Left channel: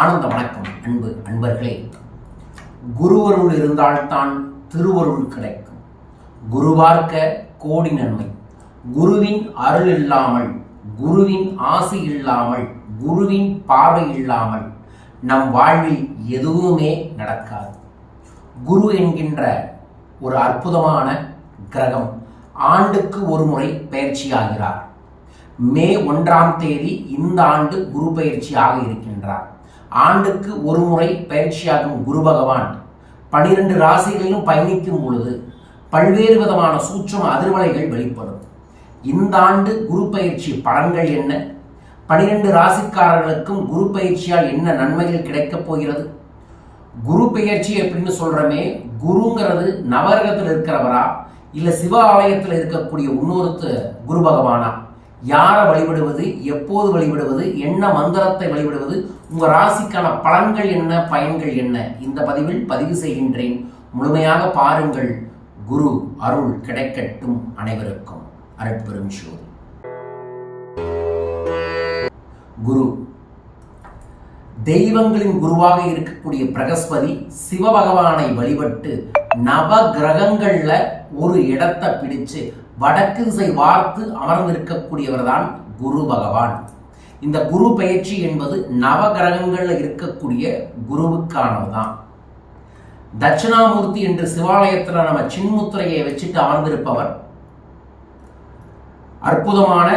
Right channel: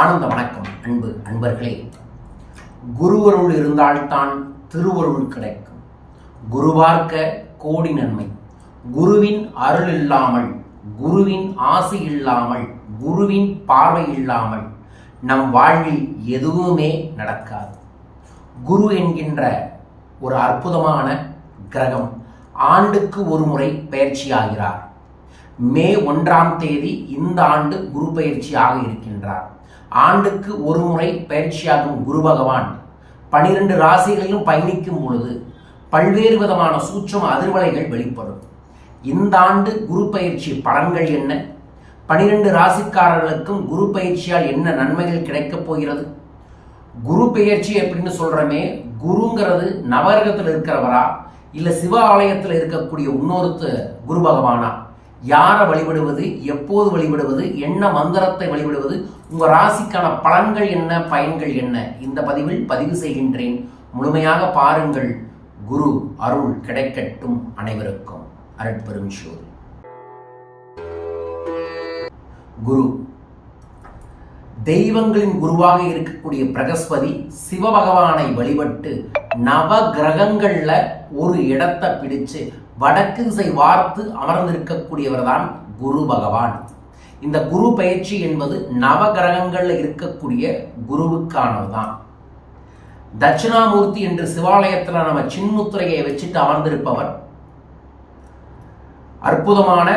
ஆனந்த வணக்கம். அன்பு அன்பர்களே, குருவருள் இருந்தால்தான் திருவருள் கிடைக்கும். குரு பார்க்க கோடி நன்மை. குருவின் அருள் இல்லாமல், குருவின் ஆசி இல்லாமல், குருவின் பார்வை இல்லாமல் நம் வாழ்வில் எதுவுமே நடக்காது. குரு என்கின்ற ஒரு அற்புதமான கிரகம் ஆண்டுக்கு ஒரு முறை பயிற்சியாகிறார். மே 1ஆம் தேதி இந்த ஆண்டு குரு பயிற்சியாக இருக்கின்றார். ஆண்டுக்கு ஒரு முறை பயிற்சியாகும் குரு பகவான் 12 ராசிகளிலும் பயணிக்கும் பொழுது பல்வேறு விதமான சூட்சும அதிர்வலைகள் வெளிப்படும். இந்த ஆண்டு குரு பயிற்சி பலன்கள் என்ன? 12 ராசிக்காரர்களுக்கும் குரு பயிற்சியால் என்ன நன்மைகள் கிடைக்கப் போகிறது? குரு பயிற்சி எப்படின்னு சொல்றமே, குருங்கிறது நவகிரகத்தில் இருக்கிறவரா இல்ல சிவ ஆலயத்தில் இருக்கக்கூடிய இன்னொரு குரு பகவானா? யாரை வழிபடுவது, எப்போது வழிபடுவது, என்ன மந்திரத்தை வழிபடுவது, உங்க ராசிக்கான பலன்கள் என்ன, பயன்கள் என்ன? இந்த பதிவில் பதிவு செய்கின்றேன். முழுமையாக பாருங்கள். குரு அருள் கிடைக்கட்டும் அனைவருக்கும். அருட்பெரும் ஜோதி. குரு தெய்வங்களின் குருவாக இருக்கக்கூடிய பிரகஸ்பதி சிவபகவானை வழிபட்டு நவ கிரகங்கள்ல ஒரு இடத்தை பிடிச்சு வடக்கு திசை வார்த்து அமர்ந்திருக்கக்கூடியவர் தான் குரு பகவான். இந்த குரு பயிற்சி என்பது நவ கிரகங்கள்ல இருக்கக்கூடிய குருவுக்கானதுதான். தட்சிணாமூர்த்தி என்று சிவாலயத்துல நம்ம சின்முத்திரையை வச்சுட்டு அமர்ந்திருப்பவர் அற்புதமான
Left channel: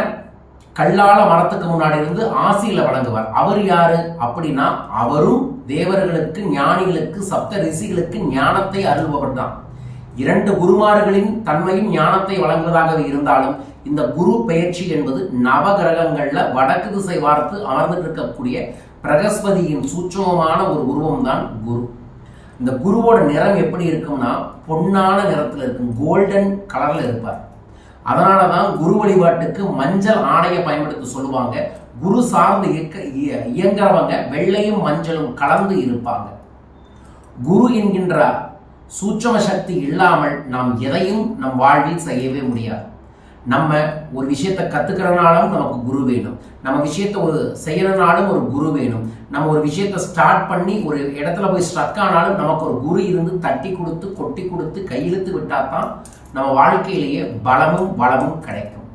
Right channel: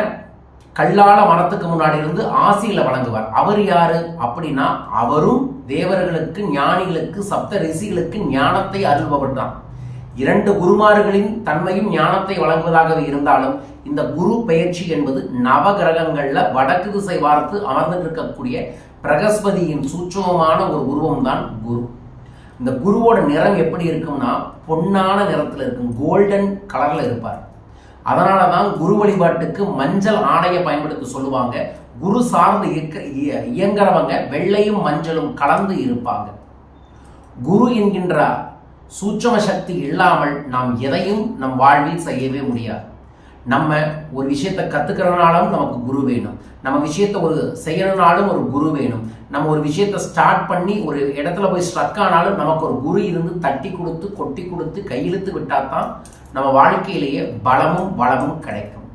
கல்லால மரத்துக்கு முன்னாடி இருந்து ஆசியில வணங்குவார். அவர் யாரு அப்படின்னா, அவரும் தேவர்களுக்கு, ஞானிகளுக்கு, சப்த ரிஷிகளுக்கு ஞானத்தை அருள்பவர் தான். 2 குருமார்களின் தன்மையும் ஞானத்தை வழங்குவதாகவே இருந்தாலும் இந்த குரு பயிற்சி என்பது நவ கிரகங்கள்ல வடக்கு திசை பார்த்து அமர்ந்து இருக்கக்கூடிய பிரகஸ்பதியின் சூட்சமமான ஒரு உருவம் தான் குரு. இந்த குருவோட நிறம் எப்படி இருக்கும்னா, பொன்னான நிறத்தில் இருக்கும், கோல்டன் கலர்ல இருப்பார். அதனாலதான் குரு வழிபாட்டுக்கு மஞ்சள் ஆடையை பயன்படுத்த சொல்லுவாங்க. குரு சார்ந்து இயங்குறவங்க வெள்ளையும் மஞ்சளும் கலந்து இருப்பாங்க. குரு என்கின்ற சூட்சம சக்தி இல்லாமல் நாம் எதையும் நம் வாழ்வில் செய்யவே முடியாது. நம்ம ஒரு விஷயத்தை கத்துக்கிறனாலும் நமக்கு குரு வேணும். நம்ம விஷயத்தை ஒரு செய்யறனாலும் ஒரு குரு வேணும். நம்ம ஒரு விஷயத்தை ஸ்டார்ட் பண்ணி ஒரு இடத்துல போய் ஸ்ட்ரக் ஆனாலும் நமக்கு ஒரு குரு இருந்து தட்டி கொடுத்து, கொட்டி கொடுத்து, கையிழுத்து விட்டாதான் நம்ம வாழ்க்கையிலேயே பலமும் வளமும் கிடைக்கும்.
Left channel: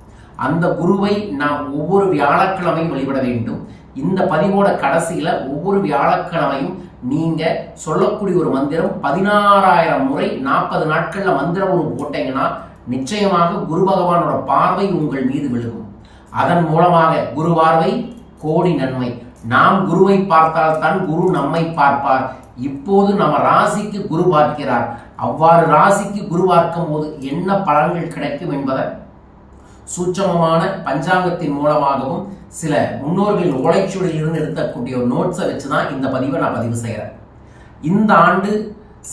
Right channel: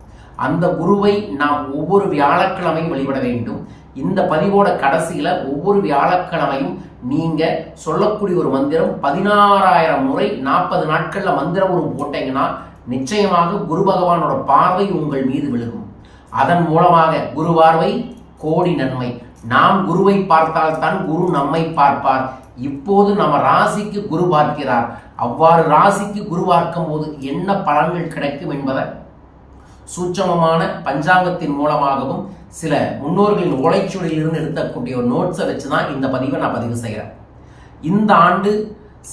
அந்த குருவை நாம் ஒவ்வொரு வியாழக்கிழமையும் வழிபட வேண்டும். இந்த பதிவோட கடைசியில ஒவ்வொரு வியாழக்கிழமையும் நீங்க சொல்லக்கூடிய ஒரு மந்திரம் 16,000 முறை 40 நாட்கள்ல மந்திர உரு போட்டீங்கன்னா நிச்சயமாக குரு பகவானோட பார்வை உங்கள் மீது விழுகும். அதன் மூலமாக குரு பார்வை கோடி நன்மை. நாம் குருவை பார்த்தால் தான் குரு நம்மை பார்ப்பார். இப்போது நம்ம ராசிக்கு குரு பார்க்கிறார். அவ்வாறு ராசிக்கு குரு பார்க்கும் போது என்ன பலன்கள் கிடைக்கும் என்பதை சூட்சமமான பஞ்சாங்கத்தின் மூலமாகவும் சில முன்னோர்களின் ஓலைச்சுவடியில் இருந்து எடுக்கக்கூடிய ஒரு நோட்ஸை வச்சுதான் இந்த பதிவை நான் பதிவு செய்கிறேன். இந்த ஆண்டு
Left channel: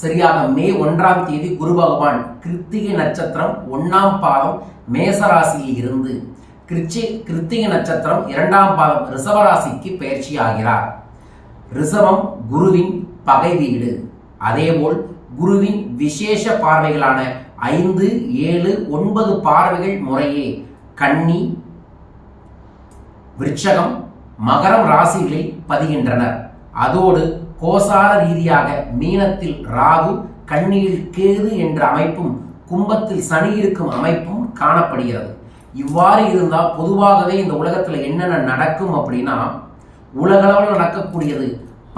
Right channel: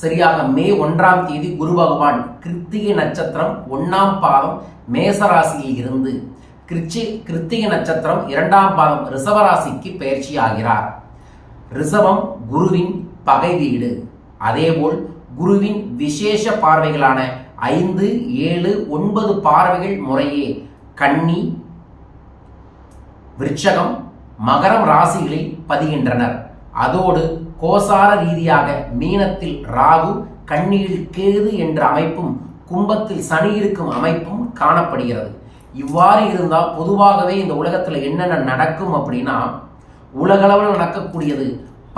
சரியாக மே 1ஆம் தேதி குரு பகவான் கிருத்திகை நட்சத்திரம் 1ஆம் பாதம் மேசராசியில் இருந்து கிருத்திகை நட்சத்திரம் 2ஆம் பாதம் ரிஷபராசிக்கு பயிற்சி ஆகிறார். ரிஷபம் குருவின் பகை வீடு. அதேபோல் குருவின் விசேஷ பார்வைகளான 5, 7, 9 பார்வைகள் முறையே கன்னி, விருச்சகம், மகரம் ராசிகளில் பதிகின்றனர். அதோடு கோசார ரீதியாக மீனத்தில் ராகு, கன்னியில் கேது என்ற அமைப்பும், கும்பத்தில் சனி இருக்கும் அமைப்பும் காணப்படுகிறது. இவ்வாறு இருந்தால் பொதுவாகவே இந்த உலகத்தில் என்னென்ன நடக்கும் அப்படின்னா, உலகளவில் நடக்கக்கூடியது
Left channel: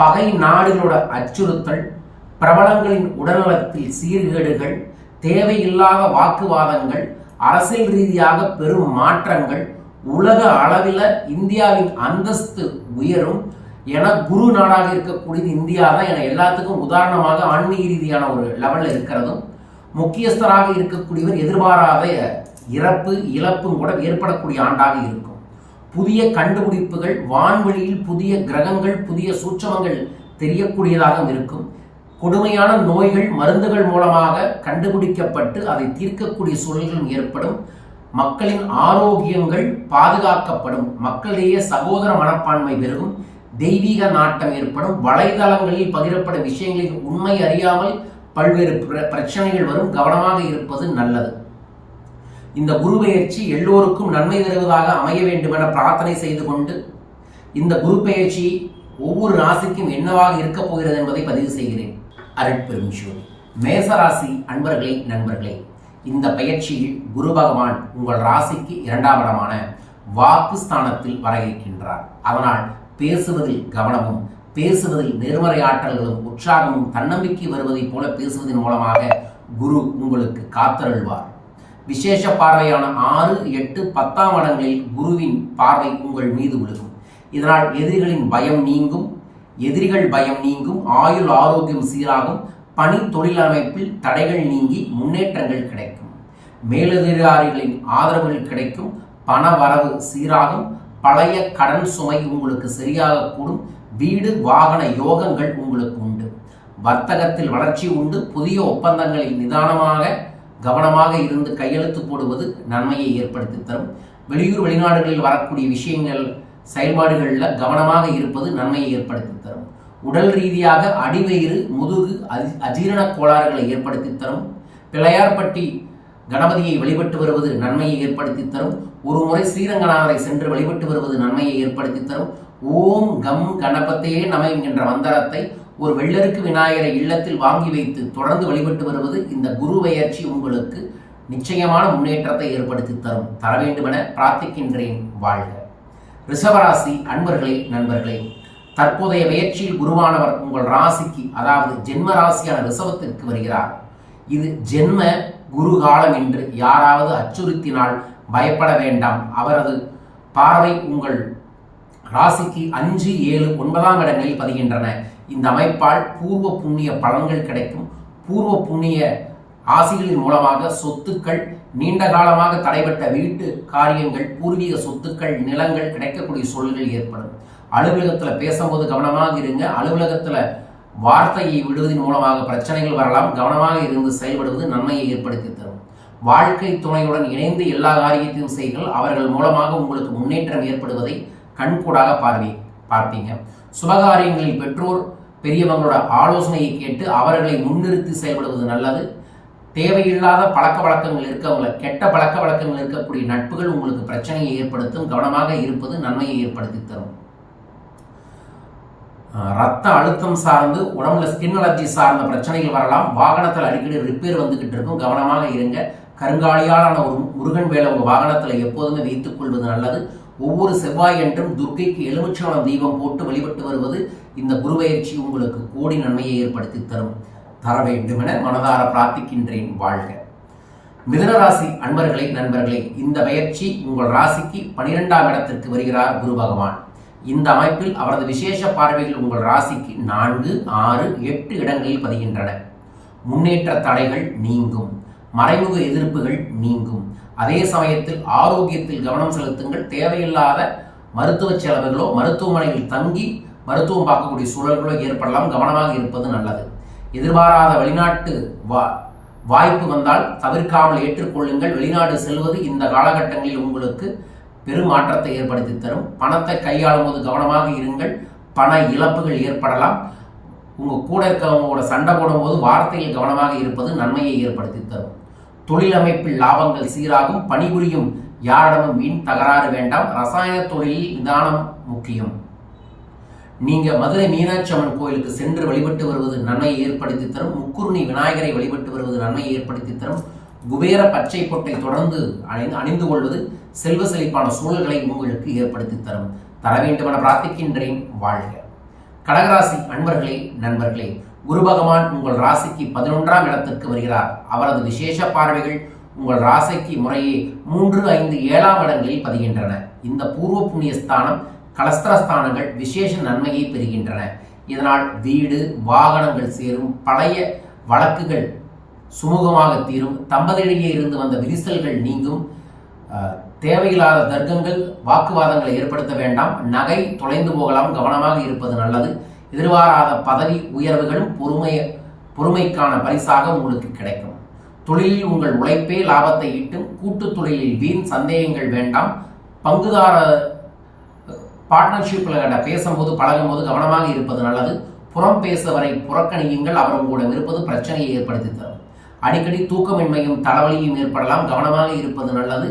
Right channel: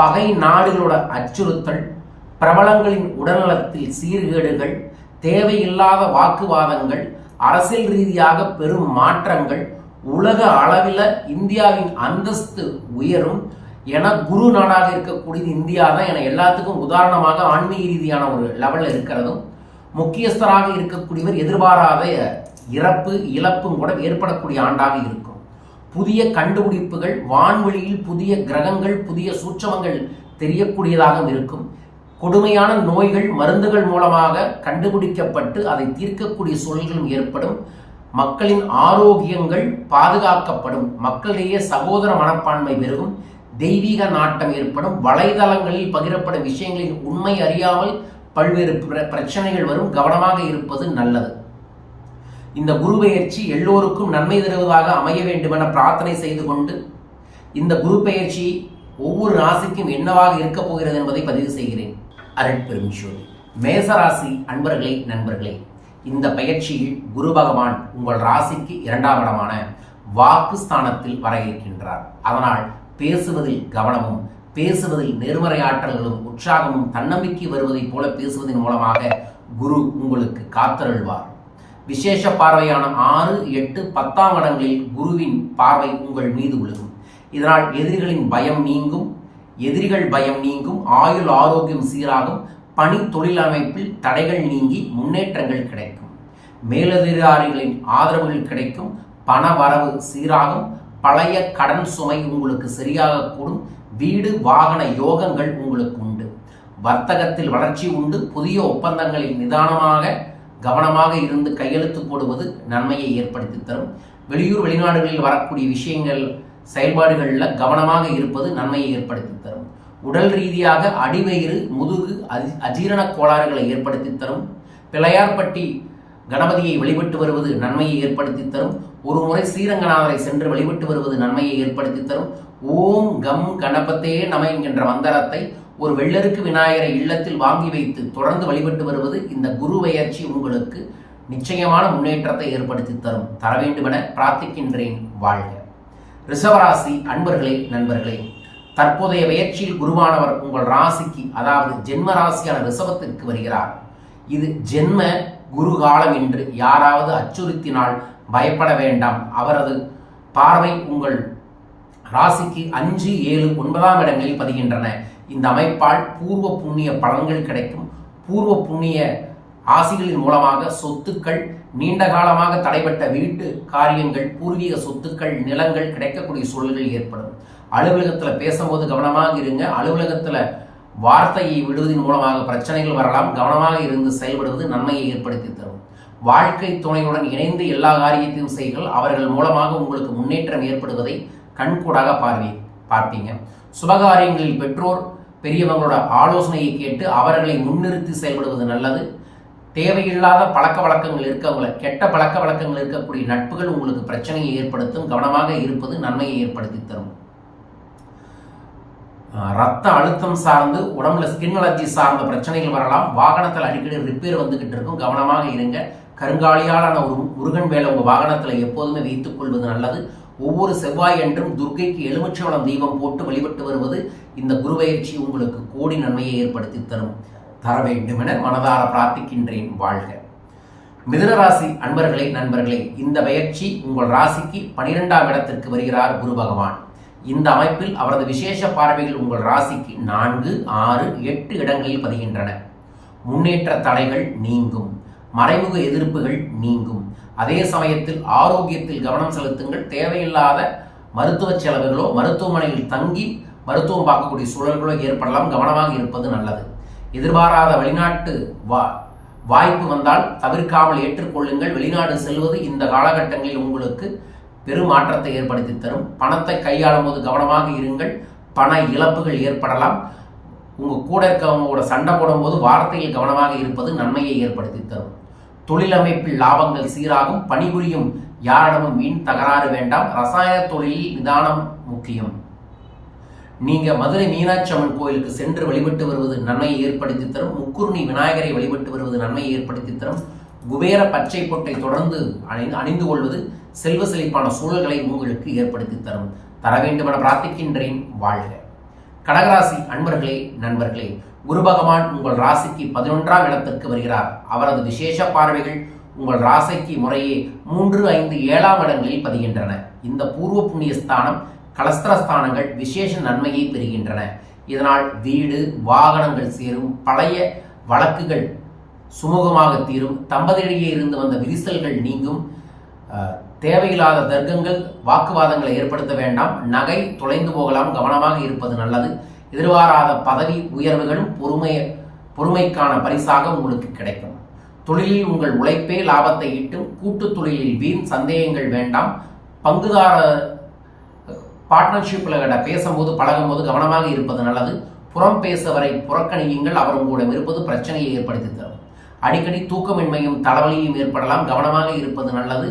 பகை நாடுகளோட அச்சுறுத்தல், பிரபலங்களின் உடல்நலத்தில் சீர்கேடுகள், தேவையில்லாத வாக்குவாதங்கள், அரசியல் ரீதியாக பெரும் மாற்றங்கள், உலக அளவில் இந்தியாவின் அந்தஸ்து உயரும் என குரு நாடாக இருக்கக்கூடியது இந்தியா தான் என எல்லாத்துக்கும் உதாரணமாக ஆன்மீக ரீதியான ஒரு லெவலில் இருக்கிறதும், முக்கியஸ்தராக இருக்கக்கூடியவர் எதிர்பாராத இறப்பு இழப்பும் கூட ஏற்படக்கூடிய ஆண்டாக இருக்கும். புதிய கண்டுபிடிப்புகள், வான்வெளியில் புதிய கிரகங்கள், புதிய சூட்சமங்கள் தெரியக்கூடியதாக இருக்கும். கொடுமையான நோய்கள் மருந்துகள் மூலமாக கண்டுபிடிக்கப்பட்டு அதை தீர்க்கக்கூடிய சூழல்களும் ஏற்படும். மக்களின் ஆரோக்கியங்கள் பாதுகாக்கப்படும். மக்களிடையே சகோதர மனப்பான்மை பெருகும். தெய்வீக நாட்டம் ஏற்படும். வலைதளங்களில் பகிரப்படும் விஷயங்களின் உண்மை அறியாமல் பல்வேறு பிரச்சனைகள் வரும். கவனமாக இருப்பது நல்லது. இந்த குரு பெயர்ச்சி எல்லோருக்கும் நன்மை தருவதாக அமைய வேண்டும் என பிரார்த்தனை செய்து கொண்டு இந்த குரு பெயர்ச்சி ஒவ்வொரு ராசிக்கும் என்னவாக இருக்கப் போகிறது என்பதை பதிவு செய்கிறேன். அருட்பெரும் ஜோதி. மேசராசி அன்பர்களே, நண்பர்களே, இந்த பயிற்சியில் குரு பகவான் உங்கள் ராசிக்கு 2ஆம் இடமான வாக்கு ஸ்தானத்தில் வர இருக்கின்றார். அதனால் பேசுவதில் கவனமும், பேசுவதில் நேர்மறை ஆற்றல்களும் உற்சாகமும் தன்னம்பிக்கை வருவதைப் போல பேசுவதன் மூலமாக குரு உங்களுக்கு காத்தருள்வார். விசேஷ பார்வையான 6, 8, 10ஆம் இடங்களில் குருவின் பார்வை உங்கள் மீது விழுகும். இதனால் எதிரிகளின் பயம் நீங்கும், எதிரிகள் பயம் நீங்கும், ஆயுள் ஆரோக்கியம் சீராகும், பணி தொழில் அமைப்பில் தடைகள் நீங்கி முன்னேற்றங்கள் கிடைக்கும், மேலதிகாரிகளின் ஆதரவுகள் கிடைக்கும், பண வரவு சீராகும், பழைய கடன் சுமை உங்களுக்கு சரியாக கூடும், வீடு வாகன யோகங்கள் உங்களுக்கு உண்டு, வர்த்தகத்தில் வளர்ச்சி உண்டு, புதிய ஒப்பந்தங்களில் நிதானமாக கவனமாக இருந்து கையெழுத்து போடுவது நன்மையை ஏற்படுத்தி தரும். வெளியூர் வெளிநாடுகளில் வரக்கூடிய விஷயங்கள் செயல்பாடுகளில் கவனமாக இருப்பது நன்மையை ஏற்படுத்தி தரும். உடல் ரீதியாக அடிவயிறு, முதுகு, அஜீரண கோளாறுகளை ஏற்படுத்தி தரும். பிள்ளையார்பட்டி கணபதியை வழிபட்டு வருவது நன்மையை ஏற்படுத்தி தரும். ஒரு முறை ஸ்ரீரங்கநாதரை சென்று வழிபட்டு வருவது நன்மையை ஏற்படுத்தி தரும். ஓம் கம் கணபத்தே நம என்கின்ற மந்திரத்தை ஒரு வெள்ளருக்கு விநாயகரை இல்லத்தில் வாங்கி வைத்து தொடர்ந்து வழிபட்டு வருவது இந்த குரு பெயர்ச்சி உங்களுக்கு நிச்சயமான முன்னேற்றத்தை ஏற்படுத்தி தரும். தர வேண்டுமென பிரார்த்திக்கின்றேன். வாழ்க. ரிஷபராசி அன்பர்களே, நண்பர்களே, தற்போதைய பெயர்ச்சியில் குருவானவர் உங்கள் ராசிக்கு, அதாவது ஜென்ம ராசியான ரிஷபத்திற்கு வருகிறார். இது ஜென்ம குரு காலம் என்று யாராவது அச்சுறுத்தினால் பயப்பட வேண்டாம். அவரது பார்வை உங்கள் ராசிக்கு 5, 7, 9ஆம் இடங்களில் பதிகின்றன. இந்த அமைப்பால் பூர்வ புண்ணிய பலன்கள் கிடைக்கும். பூர்வ புண்ணிய ஆசிகளின் மூலமாக சொத்துக்கள், நீண்ட காலமாக தடைபட்ட வீட்டு காரியங்கள், பூர்வீக சொத்துக்கள், நிலங்கள் கிடைக்கக்கூடிய சூழல்கள் ஏற்படும். அலுவலகத்தில் பேசும்போது கவனமாக இருங்க. அலுவலகத்தில் வார்த்தையை விடுவதன் மூலமாக பிரச்சனைகள் வரலாம். கவனமாக இருந்து செயல்படுவது நன்மையை ஏற்படுத்தி தரும். வாழ்க்கை துணையுடன் இணைந்து எல்லா காரியத்தையும் செய்கள். அவர்கள் மூலமாக உங்களுக்கு முன்னேற்றம் ஏற்படுவதை கண்கூடாக பார்ப்பீங்க. சுபகாரியங்களில் பெற்றோர் பெரியவங்களோட ஆலோசனையை கேட்டு அவர்களை முன்னிறுத்தி செயல்படுவது நல்லது. தேவையில்லாத பழக்க வழக்கங்கள் இருக்கவங்கள, கெட்ட பழக்க வழக்கங்கள் இருக்கக்கூடிய நட்புகள் உங்களுக்கு பிரச்சனையை ஏற்படுத்தும். கவனமாக இருப்பது நன்மையை ஏற்படுத்தி தரும். ரத்த அழுத்தம் சார்ந்து, உடம்புல ஸ்கின் அலர்ஜி சார்ந்த பிரச்சனைகள் வரலாம். வாகனத்தில் அடிக்கடி ரிப்பேர் வந்துகிட்டு இருக்கும். கவனமாக இருங்க. கருங்காலியாலான ஒரு முருகன் வேலை உங்கள் வாகனத்தில் எப்போதுமே வைத்துக் கொள்வது நல்லது. ஒவ்வொரு செவ்வாய் என்றும் துர்க்கைக்கு எலுமிச்சம்பழம் தீபம் போட்டு வழிபட்டு வருவது இந்த குருபெயர்ச்சி உங்களுக்கு கோடி நன்மையை ஏற்படுத்தி தரும். தர வேண்டும் என மனதார பிரார்த்திக்கின்றேன். வாழ்க. மிதுனராசி அன்பர்களே, நண்பர்களே, இந்த பயிற்சி உங்கள் ராசிக்கு 12ஆம் இடத்திற்கு வருகிறார் குரு பகவான். இந்த அமைப்பில் அவரது விசேஷ பார்வைகள் உங்கள் ராசிக்கு 4, 6, 8 இடங்களில் பதிகின்றன. முன்னேற்ற தடைகள் நீங்கும், மறைமுக எதிர்ப்புகள் நீங்கும். அதே சமயத்தில் ஆரோக்கியத்தில் கவனம் செலுத்துங்கள். தேவையில்லாத மருத்துவ செலவுகளோ, மருத்துவமனையில் தங்கி மருத்துவம் பார்க்கக்கூடிய சூழல்களோ ஏற்படலாம். கவனமாக இருப்பது நல்லது. எதிர்பாராத வெளிநாட்டு வாய்ப்பு வந்தால் தவிர்க்காமல் ஏற்றுக்கொள்ளுங்கள். வெளிநாடு செல்வது இந்த காலகட்டங்களில் உங்களுக்கு பெரும் மாற்றத்தை ஏற்படுத்தி தரும். பணத்தை கையாளும் போது கவனமாக இருங்கள். பண இழப்புகள் ஏற்படலாம். உங்கள் கூட இருக்கவங்களோட சண்டை போடும்போது வார்த்தையில் கவனமாக இருப்பது நன்மையை ஏற்படுத்தி தரும். தொழில் அமைப்பில் லாபங்கள் சீராகும். பணிபுரியும் யாரிடமும் வீண் தகராறு வேண்டாம். ரசாயன தொழிலில் நிதானம் முக்கியம். நீங்க மதுரை மீனாட்சி அம்மன் கோயிலுக்கு சென்று வழிபட்டு வருவது நன்மையை ஏற்படுத்தி தரும். முக்குருணி விநாயகரை வழிபட்டு வருவது நன்மையை ஏற்படுத்தி தரும். குபேர பச்சை பொட்டை தொடர்ந்து அணிந்து கொள்வது செல்வ செழிப்பான சூழல்களை உங்களுக்கு ஏற்படுத்தி தரும். தர வேண்டும் என பிரார்த்திக்கின்றேன். வாழ்க. கடகராசி அன்பர்களே, நண்பர்களே, குரு பகவான் உங்கள் ராசிக்கு 11ஆம் இடத்திற்கு வருகிறார். அவரது விசேஷ பார்வைகள் உங்கள் ராசிக்கு முறையே 3, 5, 7ஆம் இடங்களில் பதிகின்றன. இந்த பூர்வ புண்ணிய ஸ்தானம், கலஸ்திரஸ்தானங்கள் விசேஷ நன்மையை பெறுகின்றன. இதனால் வீடு வாகனங்கள் சேரும். பழைய வழக்குகள் சுமூகமாக தீரும். தம்பதியிடையே இருந்து வந்த விரிசல்கள் நீங்கும். தேவையில்லாத தர்க்கங்கள், வாக்குவாதங்களை ஏற்படுத்த வேண்டாம். நகை தொலைந்து போகலாம். கவனமாக இருப்பது நல்லது. எதிர்பாராத பதவி உயர்வுகளும் பொறுமைக்கான பரிசாக உங்களுக்கு கிடைக்கும். தொழிலில் உங்கள் உழைப்பே லாபத்தை ஈட்டும். கூட்டு தொழிலில் வீண் சந்தேகங்கள் வேண்டாம். பங்குதார பார்ட்னர்ஷிப்பில் பேசும்போது பழகும்போது கவனமாக இருப்பது நல்லது. புறம் பேசுவரை புறக்கணியுங்கள். அவர் உங்களிடம் இருப்பது பிரச்சனையை ஏற்படுத்தி தரும். அடிக்கடி தூக்கமின்மையும் தலைவலியும் ஏற்படலாம். கவனமாக இருப்பது நல்லது.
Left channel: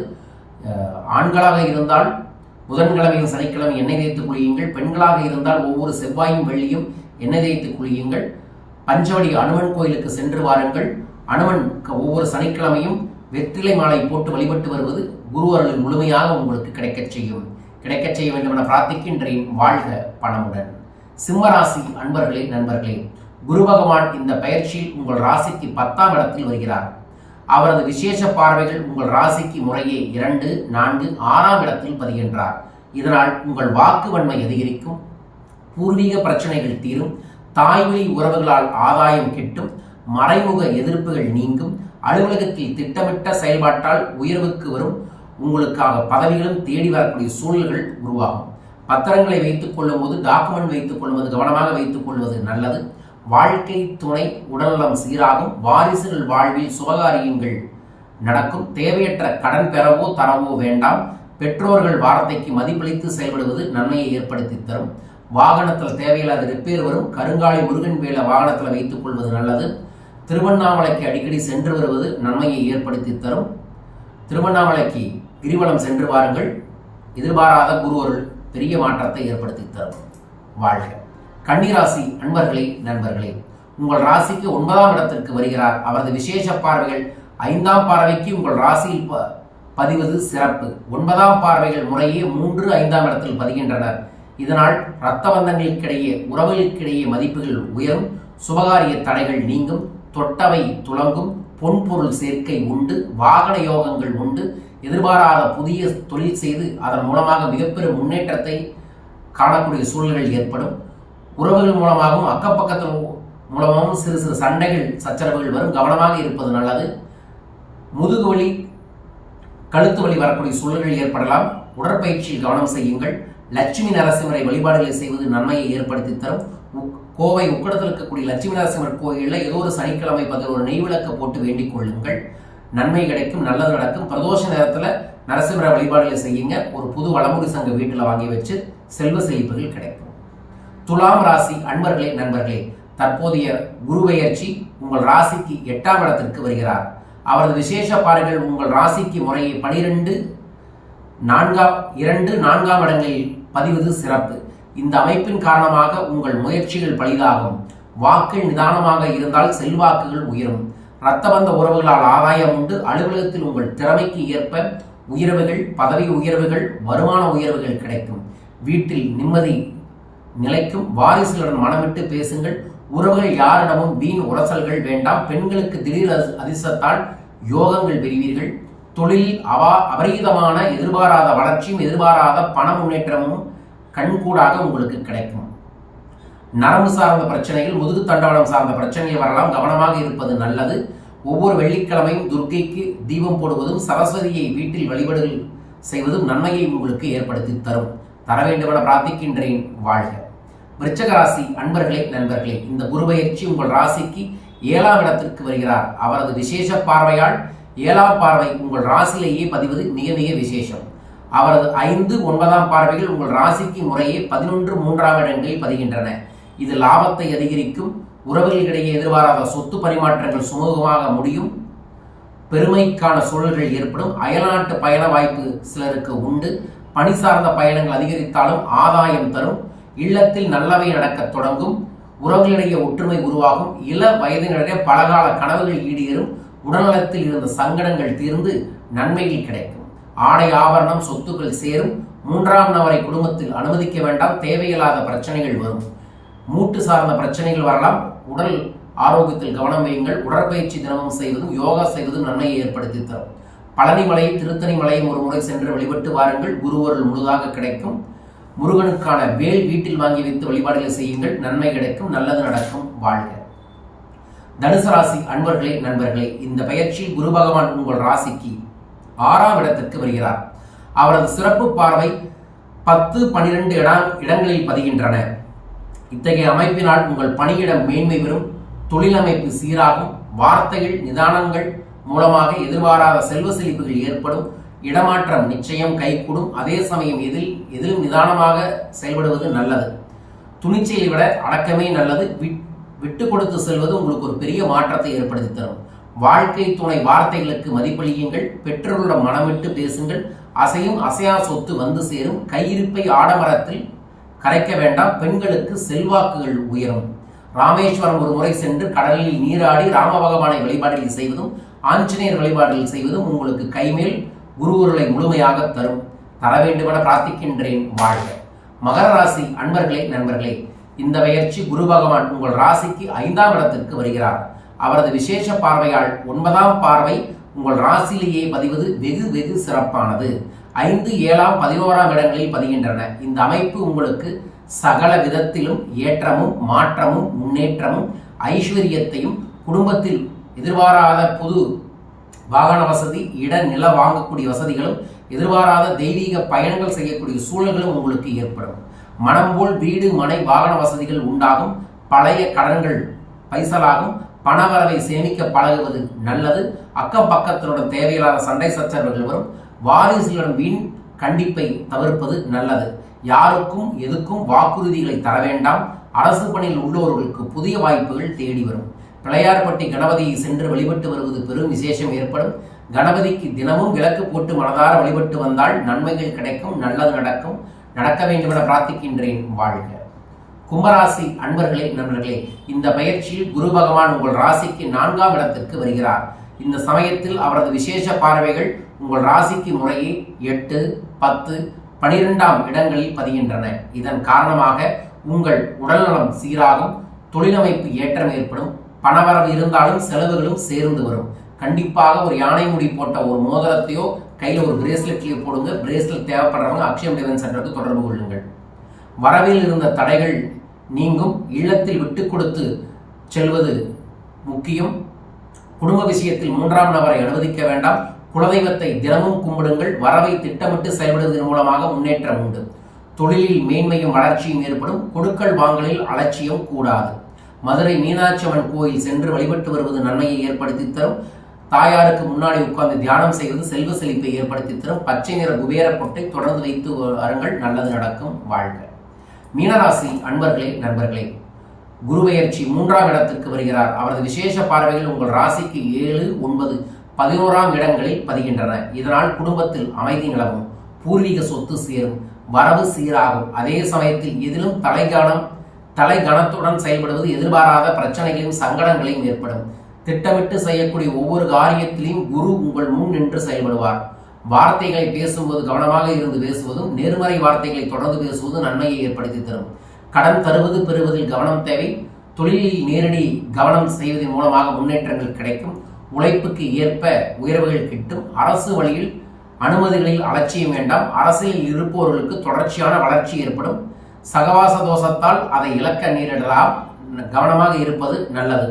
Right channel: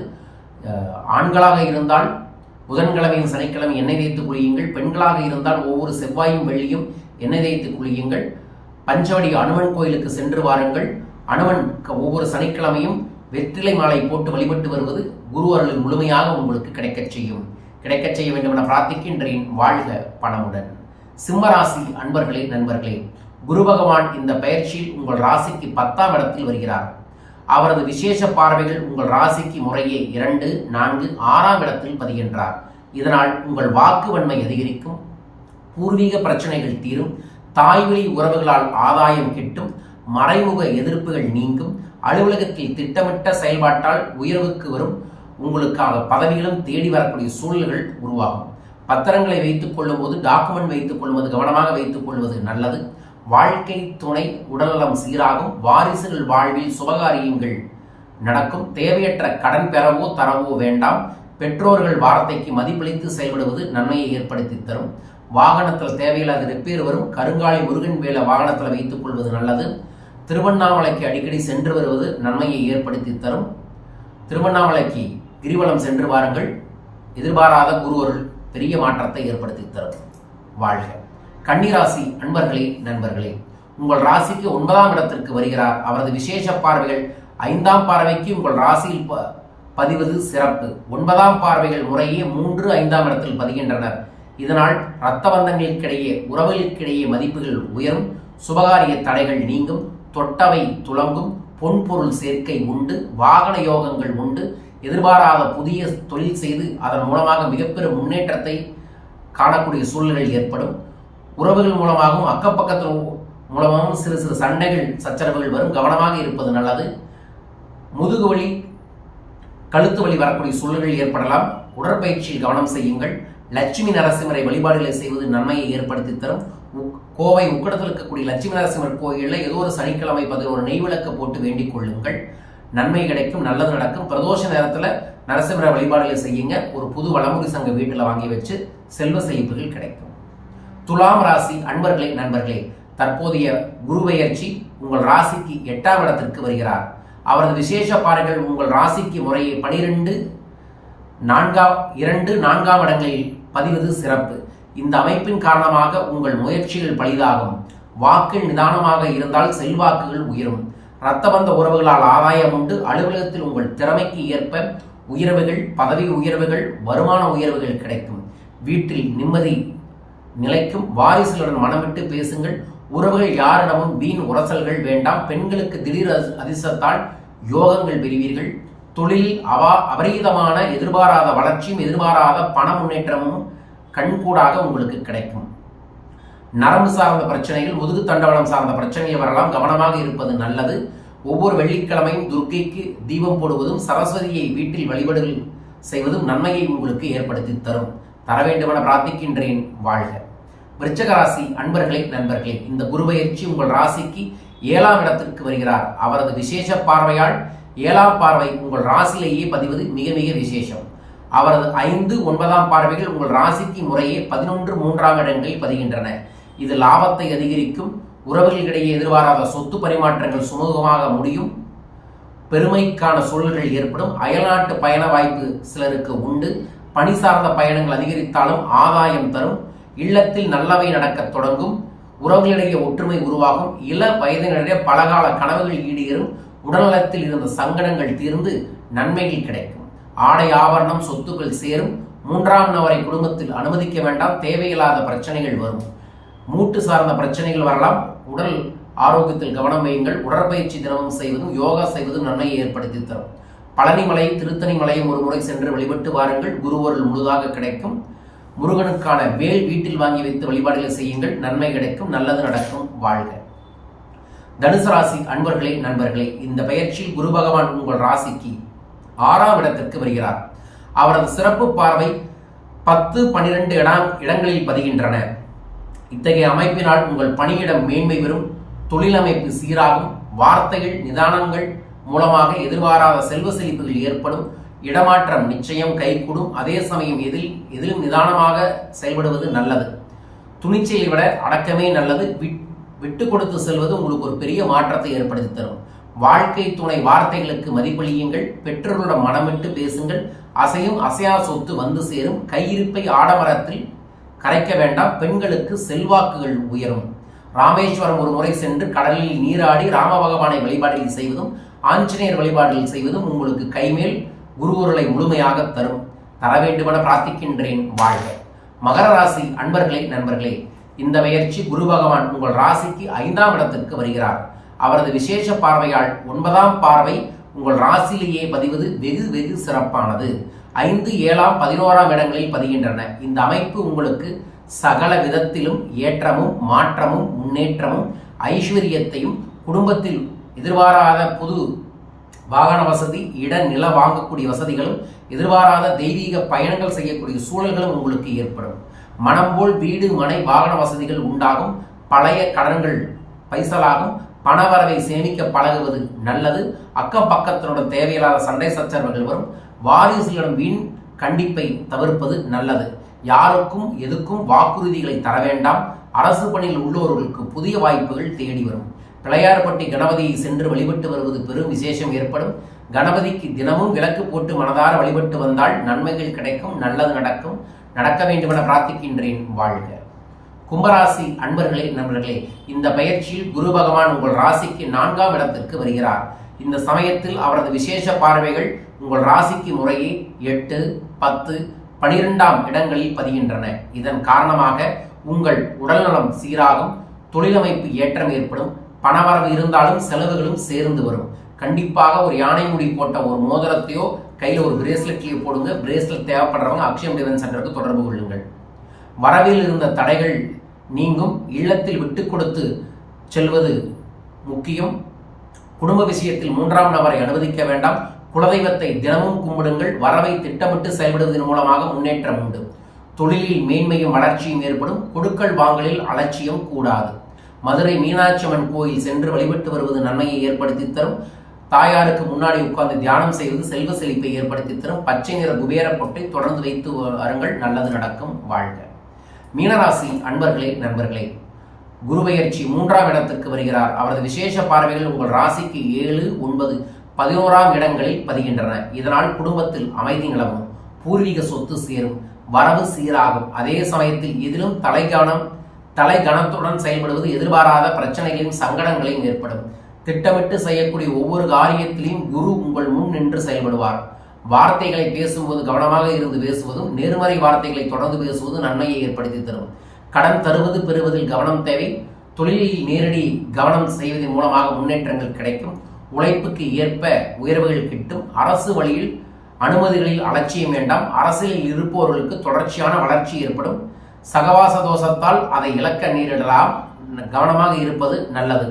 ஆண்களாக இருந்தால் புதன்கிழமையும் சனிக்கிழமை எண்ணெய் தேய்த்து குளியுங்கள். பெண்களாக இருந்தால் ஒவ்வொரு செவ்வாயும் வெள்ளியும் எண்ணெய் தேய்த்து குளியுங்கள். பஞ்சவடி அனுமன் கோயிலுக்கு சென்று வாருங்கள். அனுமன் ஒவ்வொரு சனிக்கிழமையும் வெற்றிலை மாலை போட்டு வழிபட்டு வருவது குரு அருளில் முழுமையாக உங்களுக்கு கிடைக்கச் செய்ய வேண்டும் என பிரார்த்திக்கின்றேன். வாழ்க பணமுடன். சிம்மராசி அன்பர்களே, நண்பர்களே, குரு பகவான் இந்த பயிற்சியில் உங்கள் ராசிக்கு 10ஆம் இடத்தில் வருகிறார். அவரது விசேஷ பார்வைகள் உங்கள் ராசிக்கு முறையே 2, 4, 6ஆம் இடத்தில் பதிகின்றார். இதனால் உங்கள் வாக்கு வன்மை அதிகரிக்கும், பூர்வீக பிரச்சனைகள் தீரும், தாய்வழி உறவுகளால் ஆதாயம் கிட்டும், மறைமுக எதிர்ப்புகள் நீங்கும், அலுவலகத்தில் திட்டமிட்ட செயல்பாட்டால் உயர்வுக்கு வரும், உங்களுக்காக பதவிகளும் தேடி வரக்கூடிய சூழல்கள் உருவாகும். பத்திரங்களை வைத்துக் கொள்ளும் போது, டாக்குமெண்ட் வைத்துக் கொள்ளும்போது கவனமாக வைத்துக் கொள்வது நல்லது. வாழ்க்கை துணை உடல்நலம் சீராகும், வாரிசுகள் வாழ்வில் சுபகாரியங்கள் நடக்கும். தேவையற்ற கடன் பெறவோ தரவோ வேண்டாம். பெற்றோர்கள் வார்த்தைக்கு மதிப்பளித்து செயல்படுவது நன்மையை ஏற்படுத்தி தரும். வாகனத்தில் தேவையில்லாத ரிப்பேர் வரும். கருங்காலி முருகன் வேலை வாகனத்தில் வைத்துக் கொள்வது நல்லது. திருவண்ணாமலைக்கு அடிக்கடி சென்று வருவது நன்மையை ஏற்படுத்தி தரும். திருவண்ணாமலைக்கு கிரிவலம் சென்று வாருங்கள். எதிர்பாராத குருவருள் பெரிய மாற்றத்தை ஏற்படுத்தி தரும். வாழ்க. கன்னிராசி அன்பர்களே, நண்பர்களே, உங்கள் ராசிக்கு 9ஆம் இடத்திற்கு வருகிறார். அவரது விசேஷ பார்வைகள் 5ஆம் பார்வைக்கு உங்கள் ராசியில் பதிவது சிறப்பு. 9ஆம் பார்வைகள் முறையே 3, 5ஆம் இடத்தில் பதிகின்றனர். இதனால் இரத்த பந்தங்களுக்கிடையே, உறவுகளுக்கிடையே மதிப்புகள் உயரும், சுபகாரிய தடைகள் நீங்கும், தொட்டவை துளங்கும், பொன்பொருள் சேர்க்கை உண்டு, வாகன யோகங்கள் உண்டு. எதிர்பாராத புதிய தொழில் செய்து அதன் மூலமாக மிகப்பெரும் முன்னேற்றத்தை காணக்கூடிய சூழல்கள் ஏற்படும். உறவுகள் மூலமாகவும் அக்கப்பக்கத்தில் மூலமாகவும் சிறு சிறு சண்டைகள் சச்சரவுகள் வரும். கவனமாக இருப்பது நல்லது. முதுகு வலி, கழுத்து வலி வரக்கூடிய சூழல்கள் ஏற்படலாம். உடற்பயிற்சியில் கவனம் செய்யுங்கள். லட்சுமி நரசிம்மரை வழிபாடுகளை செய்வது நன்மையை ஏற்படுத்தி தரும். கோவை உக்கடத்தில் இருக்கக்கூடிய லட்சுமி நரசிம்மர் கோயிலில் ஏதோ ஒரு சனிக்கிழமை ஒரு நெய் விளக்கு போட்டு வேண்டிக் கொள்ளுங்கள். நன்மை கிடைக்கும், நல்லது நடக்கும். பிரதோஷ நேரத்தில் நரசிம்மரை வழிபாடுகளை செய்யுங்க. ஒரு புது வளமுறை சங்க வீட்டில் வாங்கி வச்சு செல்வ செழிப்புகள் கிடைக்கும். துலாம் ராசி அன்பர்களே, நண்பர்களே, தற்போதைய குரு பெயர்ச்சி உங்கள் ராசிக்கு 8ஆம் இடத்திற்கு வருகிறார். அவரது விசேஷ பார்வைகள் உங்கள் ராசிக்கு முறையே 12, 4ஆம் இடங்களில் பதிவது சிறப்பு. இந்த அமைப்பின் காரணமாக உங்கள் முயற்சிகள் பலிதாகும். வாக்கில் நிதானமாக இருந்தால் செல்வாக்குகள் உயரும். இரத்தபந்த உறவுகளால் ஆதாயம் உண்டு. அலுவலகத்தில் உங்கள் திறமைக்கு ஏற்ப உயர்வுகள், பதவி உயர்வுகள், வருமான உயர்வுகள் கிடைக்கும். வீட்டில் நிம்மதி நிலைக்கும். வாரிசுகளுடன் மனமிட்டு பேசுங்கள். உறவுகள் யாரிடமும் வீண் உரசல்கள் வேண்டாம். பெண்களுக்கு திடீர் அதிர்ஷ்டத்தால் யோகங்கள் பெறுவீர்கள். தொழிலில் அபரீதமான எதிர்பாராத வளர்ச்சியும் எதிர்பாராத பண முன்னேற்றமும் கண்கூடாக உங்களுக்கு கிடைக்கும். நரம்பு சார்ந்த பிரச்சனைகள், முதுகு தண்டவனம் சார்ந்த பிரச்சனைகள் வரலாம். கவனமாக இருப்பது நல்லது. ஒவ்வொரு வெள்ளிக்கிழமையும் துர்க்கைக்கு தீபம் போடுவதும் சரஸ்வதியை வீட்டில் வழிபாடுகள் செய்வதும் நன்மையை உங்களுக்கு ஏற்படுத்தி தர வேண்டுமென பிரார்த்திக்கின்றேன். வாழ்க. விருச்சிக ராசி அன்பர்களே, நண்பர்களே, இந்த குரு பெயர்ச்சி உங்கள் ராசிக்கு 7ஆம் இடத்திற்கு வருகிறார். அவரது விசேஷ பார்வையால் 7ஆம் பார்வை உங்கள் ராசியிலேயே பதிவது மிக மிக விசேஷம். அவரது 5, 9ஆம் பார்வைகள் உங்கள் ராசிக்கு முறையே 11, 3ஆம் இடங்களில் பதிகின்றன. இது லாபத்தை அதிகரிக்கும். உறவுகளிடையே எதிர்பாராத சொத்து பரிமாற்றங்கள் சுமூகமாக முடியும். பெருமைக்கான சூழல்கள் ஏற்படும். அயல்நாட்டு பயண வாய்ப்பு சிலருக்கு உண்டு. பணி சார்ந்த பயணங்கள் அதிகரித்தாலும் ஆதாயம் தரும். இல்லத்தில் நல்லவை நடக்கத் தொடங்கும். உறவுகளிடையே ஒற்றுமை உருவாகும். இள வயதினரிடையே பலகால கனவுகள் ஈடேறும். உடல்நலத்தில் இருந்த சங்கடங்கள் தீர்ந்து நன்மைகள் கிடைக்கும். ஆடை ஆபரணம் சொத்துக்கள் சேரும். 3ஆம் நபரை குடும்பத்தில் அனுமதிக்க வேண்டாம். தேவையில்லாத பிரச்சனைகள் வரும். மூட்டு சார்ந்த பிரச்சனைகள் வரலாம். உடல் ஆரோக்கியத்தில் கவனம் வையுங்கள். உடற்பயிற்சி தினமும் செய்வதும் யோகா செய்வதும் நன்மையை ஏற்படுத்தி தரும். பழனி மலையும் திருத்தணி மலையும் ஒரு முறை சென்று வழிபட்டு வாருங்கள். குருவருள் முழுதாக கிடைக்கும். முருகனுக்கான வேல் வீட்டில் வாங்கி வைத்து வழிபாடுகளை செய்யுங்கள். நன்மை கிடைக்கும், நல்லது நடக்கும். வாழ்க. தனுசு ராசி அன்பர்களே, நண்பர்களே, இந்த பெயர்ச்சியில் குரு பகவான் உங்கள் ராசிக்கு 6ஆம் இடத்திற்கு வருகிறார். அவரது சிறப்பு பார்வை 10, 12 இடங்களில் பதிகின்றன. இத்தகைய அமைப்பினால் உங்கள் பணியிடம் மேன்மை பெறும். தொழிலமைப்பு சீராகும். வார்த்தைகள் நிதானங்கள் மூலமாக எதிர்பாராத செல்வ செழிப்புகள் ஏற்படும். இடமாற்றம் நிச்சயம் கைகூடும். அதே சமயம் எதிலும் நிதானமாக செயல்படுவது நல்லது. துணிச்சலை விட அடக்கமே நல்லது. விட்டு கொடுத்து செல்வது உங்களுக்கு ஒரு பெரிய மாற்றத்தை ஏற்படுத்தி தரும். வாழ்க்கை துணை வார்த்தைகளுக்கு மதிப்பளியுங்கள். பெற்றோர்களிடம் மனமிட்டு பேசுங்கள். அசையும் அசையா சொத்து வந்து சேரும். கையிருப்பை ஆடமரத்தில் கரைக்க வேண்டாம். பெண்களுக்கு செல்வாக்குகள் உயரும். ராமேஸ்வரம் ஒரு முறை சென்று கடலில் நீராடி ராம பகவானை வழிபாடுகள் செய்வதும் ஆஞ்சநேயர் வழிபாடுகள் செய்வதும் உங்களுக்கு கைமேல் குருவுருளை முழுமையாக தரும். தர வேண்டுமென பிரார்த்திக்கின்றேன். வாழ்க. மகர ராசி அன்பர்களே, நண்பர்களே, இந்த பெயர்ச்சி குரு பகவான் உங்கள் ராசிக்கு 5ஆம் இடத்திற்கு வருகிறார். அவரது விசேஷ பார்வையால் 9ஆம் பார்வை உங்கள் ராசியிலேயே பதிவது வெகு வெகு சிறப்பானது. 5, 7, 11ஆம் இடங்களில் பதிகின்றன. இந்த அமைப்பு உங்களுக்கு சகல விதத்திலும் ஏற்றமும் மாற்றமும் முன்னேற்றமும் ஐஸ்வர்யத்தையும், குடும்பத்தில் எதிர்பாராத புது வாகன வசதி, இட நில வாங்கக்கூடிய வசதிகளும், எதிர்பாராத தெய்வீக பயணங்கள் செய்யக்கூடிய சூழல்களும் உங்களுக்கு ஏற்படும். மனம் போல் வீடு மனை வாகன வசதிகள் உண்டாகும். பழைய கடன்கள் பைசலாகும். பணவரவை சேமிக்க பழகுவது நல்லது. அக்கம் பக்கத்தினுடன் தேவையில்லாத சண்டை சச்சரவுகள் வரும். வாரிசுகளிடம் வீண் கண்டிப்பை தவிர்ப்பது நல்லது. யாருக்கும் எதுக்கும் வாக்குறுதிகளை தர வேண்டாம். அரசு பணியில் உள்ளவர்களுக்கு புதிய வாய்ப்புகள் தேடி வரும். பிள்ளையார்பட்டி கணபதியை சென்று வழிபட்டு வருவது பெரும் விசேஷம் ஏற்படும். கணபதிக்கு தினமும் விளக்கு போட்டு மனதார வழிபட்டு வந்தால் நன்மைகள் கிடைக்கும், நல்லது நடக்கும். நடக்க வேண்டும் என பிரார்த்திக்கின்றேன். வாழ்க. கும்பராசி அன்பர்களே, நண்பர்களே, இந்த பயிற்சியில் குரு பகவான் உங்கள் ராசிக்கு 4ஆம் இடத்திற்கு வருகிறார். இந்த சமயத்தில் அவரது விசேஷ பார்வைகள் உங்கள் ராசிக்கு முறையே 8, 10, 12ஆம் இடங்களில் பதிகின்றன. இதன் காரணமாக உங்கள் உடல்நலம் சீராகும். தொழிலமைப்பு ஏற்றம் ஏற்படும். பணவரவு இருந்தாலும் செலவுகளும் சேர்ந்து வரும். கண்டிப்பாக ஒரு யானை முடி போட்ட ஒரு மோதிரத்தையோ கையில் ஒரு பிரேஸ்லெட்லையோ போடுங்க. பிரேஸ்லெட் தேவைப்படுறவங்க அக்ஷயம் டிவைன் சென்டருக்கு தொடர்பு கொள்ளுங்கள். வரவில் இருந்த தடைகள் நீங்கும். இல்லத்தில் விட்டு கொடுத்து செல்வது முக்கியம். குடும்ப விஷயத்தில் 3ஆம் நபரை அனுமதிக்க வேண்டாம். குலதெய்வத்தை தினமும் கும்பிடுங்கள். வரவை திட்டமிட்டு செயல்படுவதன் மூலமாக முன்னேற்றம் உண்டு. தொழிலில் மேன்மையும் வளர்ச்சியும் ஏற்படும். கொடுக்கல் வாங்கலில் அலட்சியம் கூடாது. மதுரை மீனாட்சி அம்மன் கோயில் சென்று வழிபட்டு வருவது நன்மையை ஏற்படுத்தி தரும். தாயாருக்கு முன்னாடி உட்கார்ந்து தியானம் செய்வது செல்வ செழிப்பை ஏற்படுத்தி தரும். பச்சை நிற குபேர பொட்டை தொடர்ந்து வைத்து வருங்கள், நல்லது நடக்கும். வாழ்க. மீனராசி அன்பர்களே, நண்பர்களே, குரு பெயர்ச்சி 3ஆம் இடத்திற்கு வருகிறார். அவரது விசேஷ பார்வைகள் உங்கள் ராசிக்கு 7, 9, 11ஆம் இடங்களில் பதிகின்றன. இதனால் குடும்பத்தில் அமைதி நிலவும். பூர்வீக சொத்து சேரும். வரவு சீராகும். அதே சமயத்தில் எதிலும் தலைகணத்துடன் செயல்படுவது எதிர்பாராத பிரச்சனைகளையும் சங்கடங்களையும் ஏற்படும். திட்டமிட்டு செய்யக்கூடிய ஒவ்வொரு காரியத்திலையும் குரு உங்கள் முன் நின்று செயல்படுவார். வார்த்தைகளை பேசும்போது கவனமாக இருந்து பேசுவதும் நேர்மறை வார்த்தைகளை தொடர்ந்து பேசுவதும் நன்மையை ஏற்படுத்தி தரும். கடன் தருவது பெறுவதில் கவனம் தேவை. தொழிலில் நேரடி கவனம் செய்வதன் மூலமாக முன்னேற்றங்கள் கிடைக்கும். உழைப்புக்கு ஏற்ப உயர்வுகள் கிட்டும். அரசு வழியில் அனுமதிகளில் அலட்சியம் வேண்டாம். அரசியலில் இருப்பவர்களுக்கு தொடர்ச்சியான வளர்ச்சி ஏற்படும். சகவாச தோஷத்தால் அதை இழக்க நேரிடலாம். கவனமாக இருப்பது நல்லது.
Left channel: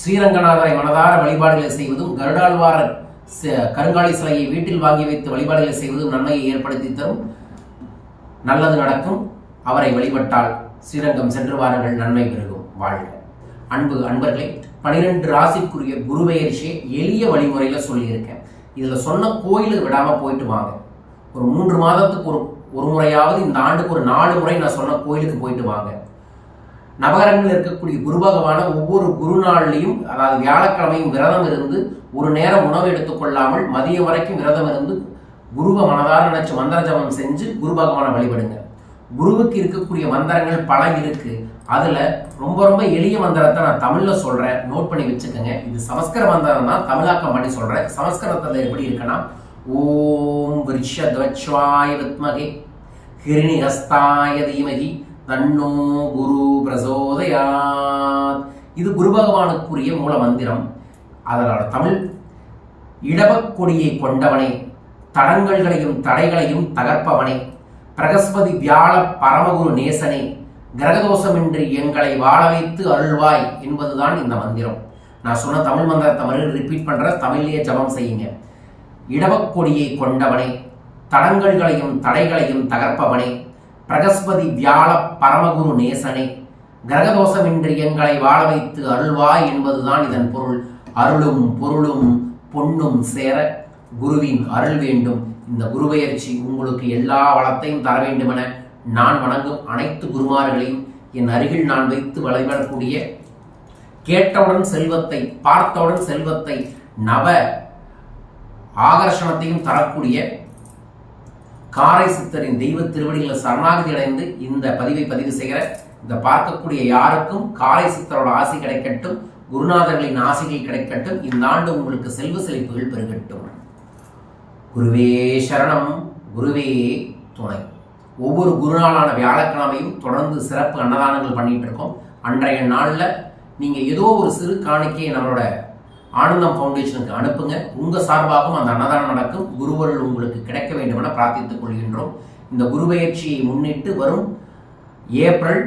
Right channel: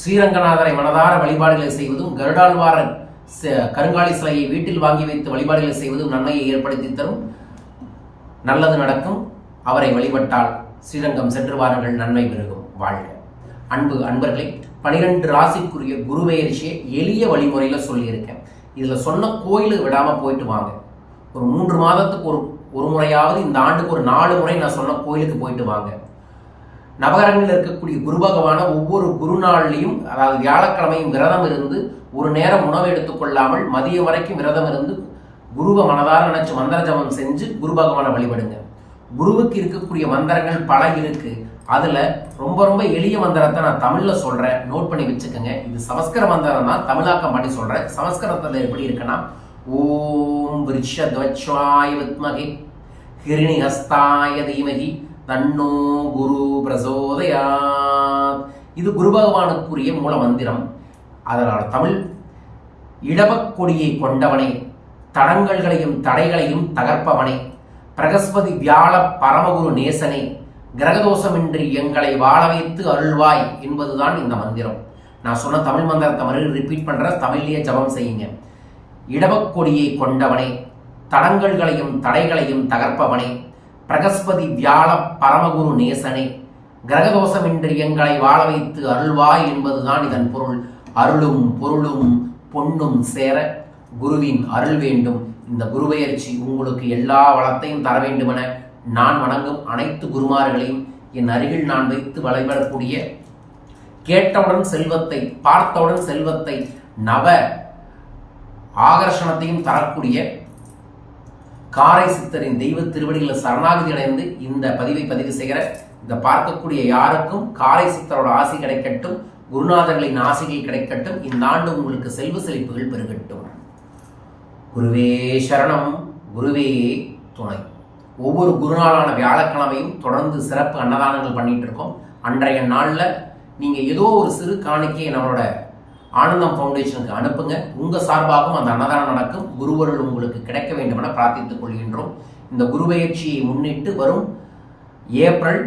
ஸ்ரீரங்கநாதரை மனதார வழிபாடுகளை செய்வதும், கருடாழ்வார கருங்காலி சிலையை வீட்டில் வாங்கி வைத்து வழிபாடுகளை செய்வதும் நன்மையை ஏற்படுத்தி தரும். நல்லது நடக்கும். அவரை வழிபட்டால் ஸ்ரீரங்கம் சென்று வாருங்கள், நன்மை பெருகும். வாழ்க. அன்பர்களே, 12 ராசிக்குரிய குரு பெயர்ச்சியை எளிய வழிமுறையில் சொல்லியிருக்கேன். இதில் சொன்ன கோயிலுக்கு விடாமல் போயிட்டு வாங்க. ஒரு 3 மாதத்துக்கு ஒரு முறையாவது, இந்த ஆண்டுக்கு ஒரு 4 முறை நான் சொன்ன கோயிலுக்கு போயிட்டு வாங்க. நவகரங்களில் இருக்கக்கூடிய குரு பகவான ஒவ்வொரு குரு நாள்லையும், அதாவது வியாழக்கிழமையும் விரதம் இருந்து ஒரு நேரம் உணவு எடுத்துக்கொள்ளாமல் மதியம் வரைக்கும் விரதம் இருந்து குருவை மனதார நினைச்சு மந்திர ஜபம் செஞ்சு குரு பகவானை வழிபடுங்க. குருவுக்கு இருக்கக்கூடிய மந்திரங்கள் பல இருக்கு. அதுல ரொம்ப ரொம்ப எளிய மந்திரத்தை நான் தமிழ்ல சொல்றேன், நோட் பண்ணி வச்சுக்கோங்க. இது சமஸ்கிருத மந்திரம் தான், தமிழாக்கம் பண்ணி சொல்றேன். சமஸ்கிருதத்துல எப்படி இருக்குன்னா, ஓம் விருஷத்வஜ்வாய வித்மகே ஹிரணிஹஸ்தாய தீமகி தன்னோ குரு பிரசோதயாத். இது குரு பகவானுக்குரிய மூல மந்திரம். அதனால தமிழ், இடபக்கொடியை கொண்டவனே, தடங்கல்களையும் தடைகளையும் தகர்ப்பவனே, பிரகஸ்பதி வியாழ பரமகுரு நேசனே, கிரகதோஷமின்றி எங்களை வாழ வைத்து அருள்வாய் என்பதுதான் இந்த மந்திரம். நான் சொன்ன தமிழ் மந்திரத்தை மறுபடியும் ரிப்பீட் பண்ற, தமிழ்லேயே ஜபம் செய்யுங்க. இடபக்கொடியை கொண்டவனே, தடங்கல்களையும் தடைகளையும் தகர்ப்பவனே, பிரகஸ்பதி வியாழ பரமகுரு நேசனே, கிரகதோஷமின்றி எங்களை வாழ வைத்து அருள்வாய் என்பதுதான் இதன் பொருள். அருளும் பொருளும் பொன்னும் சேர குருவின் அருள் வேண்டும். இந்த குரு பெயர்ச்சி உங்களுக்கு எல்லா வளத்தையும் தர வேண்டுமென நான் வணங்கும் அனைத்து குருமார்களையும் என் அருகில் நான் வைத்து வழிபடக்கூடிய, கேட்டவுடன் செல்வத்தை, பார்த்தவுடன் செல்வத்தை, நவ ஆகர்ஷணத்தையும் தரக்கூடிய காரை சித்தரின் தெய்வ திருவடிகளை சரணாகதி அடைந்து இந்த பதிவை பதிவு செய்கிற இதை பார்க்கக்கூடிய யாருக்கும் காரை சித்தரோட ஆசி கிடைக்கட்டும், குருநாதர்களின் ஆசைகள் கிடைக்கட்டும். இந்த ஆண்டு உங்களுக்கு செல்வ செழிப்புகள் பெருகட்டும். குருவே சரணம், குருவே துணை. ஒவ்வொரு குருநாளான வியாழக்கிழமையும் தொடர்ந்து சிறப்பு அன்னதானங்கள் பண்ணிட்டு இருக்கோம். அன்றைய நாளில் நீங்கள் ஏதோ ஒரு சிறு காணிக்கையை நம்மளோட ஆனந்தம் ஃபவுண்டேஷனுக்கு அனுப்புங்க. உங்கள் சார்பாகவும் அந்த அன்னதானம் நடக்கும். குருவருள் உங்களுக்கு கிடைக்க வேண்டும் என பிரார்த்தித்துக் கொள்கின்றோம். இந்த குருபெயர்ச்சியை முன்னிட்டு வரும் ஏப்ரல்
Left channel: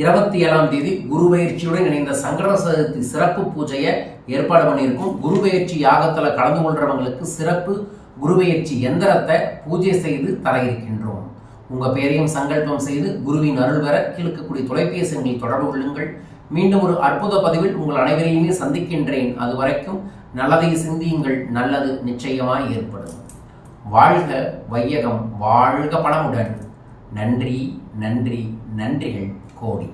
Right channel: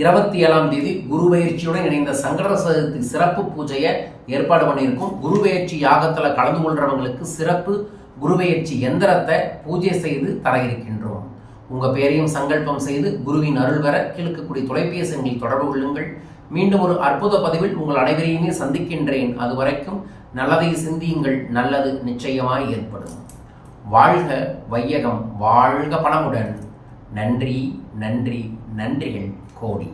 27ஆம் தேதி குருபெயர்ச்சியுடன் இணைந்த சங்கர சதுர்த்தி சிறப்பு பூஜையை ஏற்பாடு பண்ணியிருக்கோம். குருபெயர்ச்சி யாகத்தில் கலந்து கொள்றவங்களுக்கு சிறப்பு குருபெயர்ச்சி எந்திரத்தை பூஜை செய்து தர இருக்கின்றோம். உங்கள் பேரையும் சங்கல்பம் செய்து குருவின் அருள் பெற கீழ்க்கக்கூடிய தொலைபேசி எண்ணில் தொடர்பு கொள்ளுங்கள். மீண்டும் ஒரு அற்புத பதிவில் உங்கள் அனைவரையுமே சந்திக்கின்றேன். அதுவரைக்கும் நல்லதை சிந்தியுங்கள், நல்லது நிச்சயமாய் ஏற்படும். வாழ்க வையகம், வாழ்க பணமுடன். நன்றி நன்றி நன்றிகள் கோடி.